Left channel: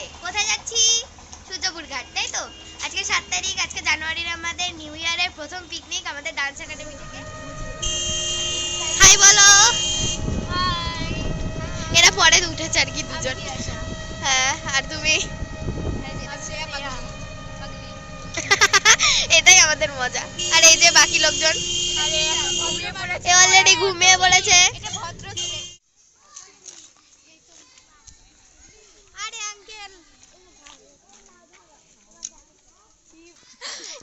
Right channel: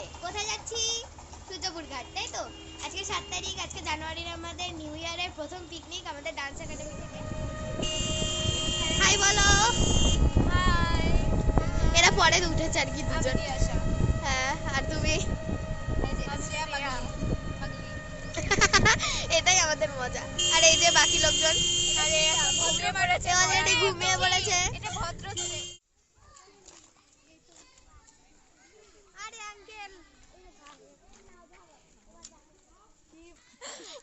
আজকে কোথায় যাচ্ছি? সূর্যপুর ঘাট তাই তো? আজকে সাত তারিখ আজকে জানুয়ারির আমাদের নিউ ইয়ারের প্রথম পিকনিক আমাদের ডান্স একাডেমি থেকে। হাই বলো। এরা পরে উঠেছে আর কি দুজন। হ্যাঁ আর তুমি? এটাই আমাদের মজা। আর এই যে বাকি লোকজন? অলরেডি ঘুমিয়ে পড়েছে। আরে আঙ্কেল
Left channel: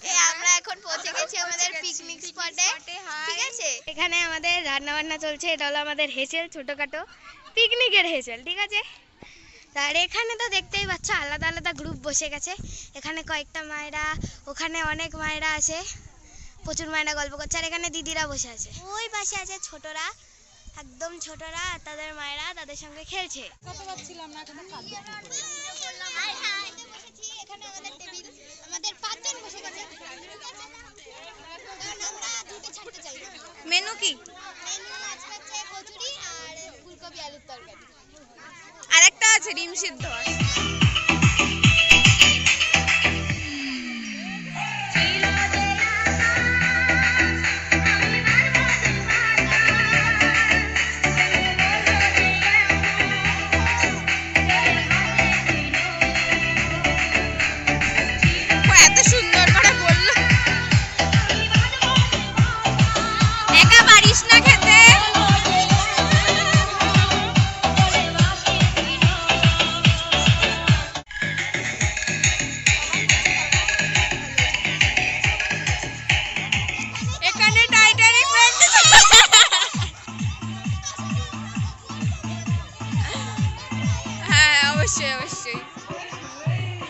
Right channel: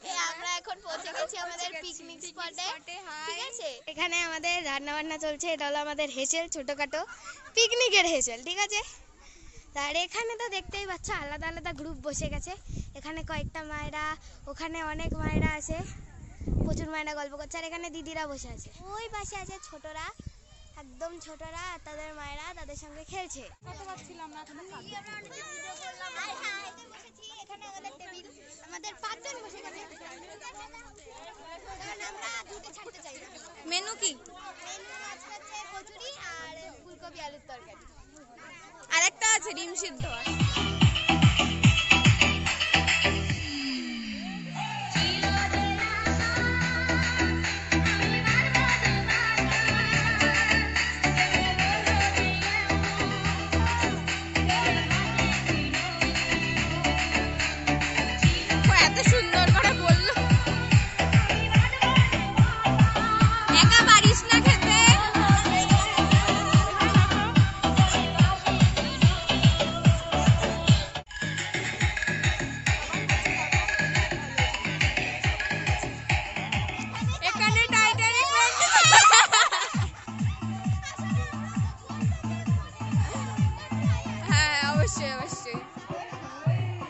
এ আমরা এখন আমাদের পিকনিক স্পটে ঠিক আছে এখানে আমাদের রান্না বান্না চলছে এটা হলো আমাদের হেসেল ছোটখাটো পিকনিকের হেসেল ঠিক আছে আর এখানে তো দেখতেই পাচ্ছ আলাদা আলাদা গ্রুপ বসে গেছে এখানে কয়েকটা মায়েরা ওখানে অনেক মায়েরা আছে প্রচুর মায়েরা গল্প করছে আর এখানে দিদিরা বসে আছে ওই পাশে আছে ছোটরা একদম ছোটরা আর তাদের মায়েরা তাদের সঙ্গে খেলছে এখানে আমাদের টেবিল আমাদের পাঁচজন বসে গেছে। কারণ আমরা দুটো ছাড়তে চাই না। মেনু কি? মেনু আজকে হচ্ছে কচুরি আর ফুলকপি আলুর তরকারি। আরেকটা আছে ডিম সিদ্ধ আছে।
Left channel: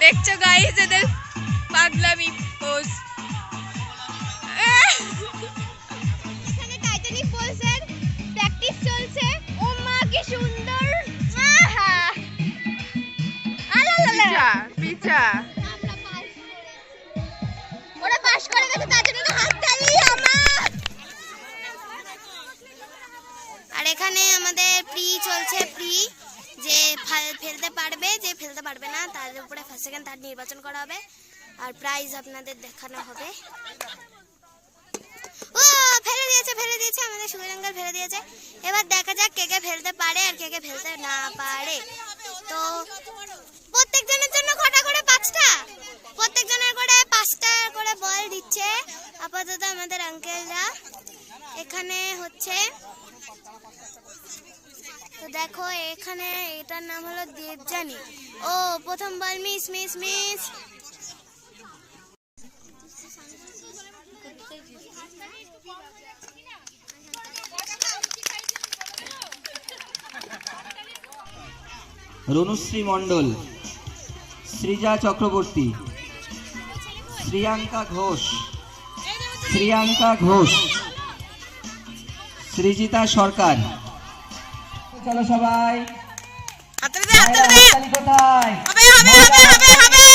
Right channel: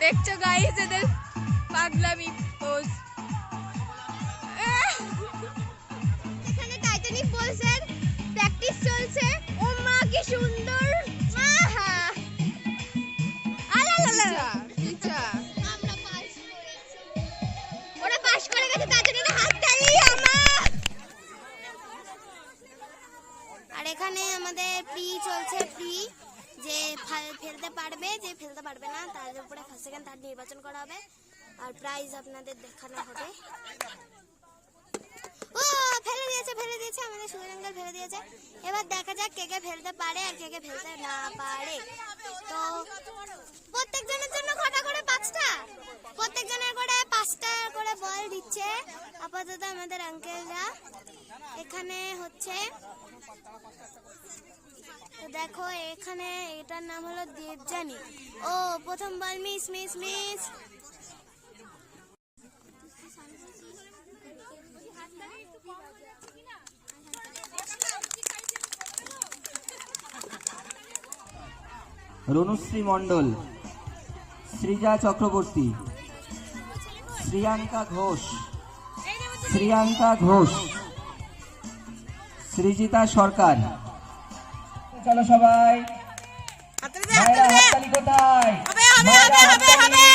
দেখছ গাইস এদের পাগলামি পোজ এখানে টাইটানিক প্র্যাকটিস চলছে ও মা কি সুন্দর আহা পিচা পিচা। আমরা পাস করেছি ওরা পাস করে গেছে তার জন্য হাততালি আমার। আর এখানে আমাদের প্রি চলছে প্রি। যে ফেলতে পারবে, যে ফেলতে পারবে না, তার উপরে ফার্স্ট সেকেন্ড তার নির্বাচন করা হবে। আর প্রাইজ আপনাদের দেখানো হবে। ও, ফেলে দিয়েছে ফেলে দিয়েছে, আমাদের শুভজঙ্গল ফেলে দিয়েছে। এবার দেখা যাক কে কে ফেলতে পারে আর কে কে ফেলতে না পারে। তো, প্রত্যেকজনের জন্য কটা করে? পাঁচটা? প্রত্যেকজনের করে পাঁচটা করে বল দিচ্ছে আপাতত আমাদের আঙ্কেলরা এখানে হচ্ছে তো দেখো, এখানে এটার নাম হলো দেবজানি ও, প্রথম বল, miss miss miss. Ranushree Mondal, Srija Chakraborty, Shriyanka Ghosh Shriyanka Ghosh, Srijita Sarkar. চলো সবাই কোথায়? হবে হবে হবে হবে হবে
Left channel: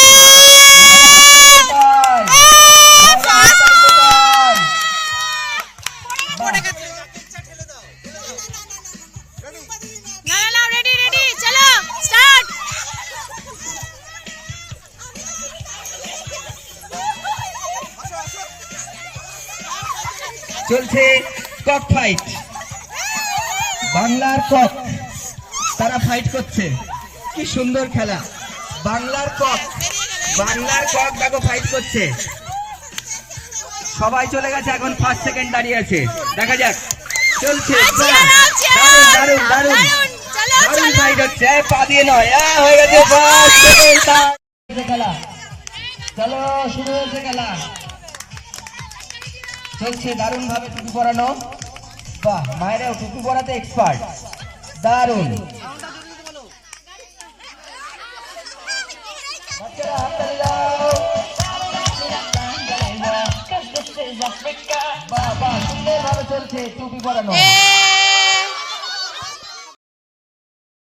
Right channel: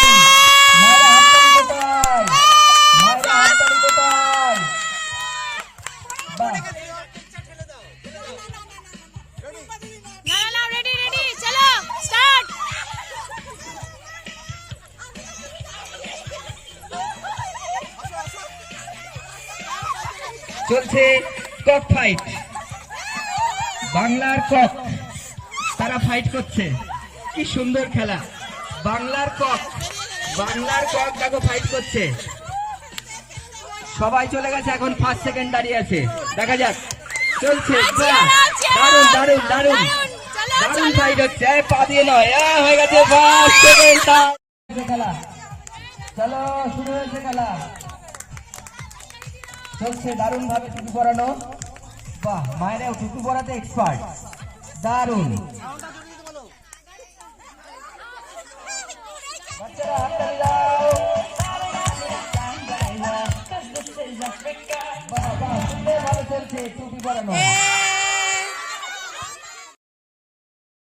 চলছে কক ফাইট বাংলার কক তারা ফাইট করছে। কি সুন্দর খেলা। বাংলার কক বাংলার কক দেখো ফাইট করছে। সবাই চলে গেছে এখন ফার্স্ট সেকেন্ড দাঁড়িয়ে আছে। দেখা যাক। চলছে। চিয়ার দারুণ দারুণ দারুণ ফাইট হচ্ছে। পা দিয়ে নয়। হয়ে গেছে ফার্স্ট সেকেন্ড খেলা। চলো শুরু হয়েছে খেলা। চলছে দারুণ ভাবে টুপি পরানো। বাহ মায়েরাও টুপি করাতে এক্সপার্ট দারুণ। বাবা সুন্দর ভাবে চলছে টুপি পরানো। এ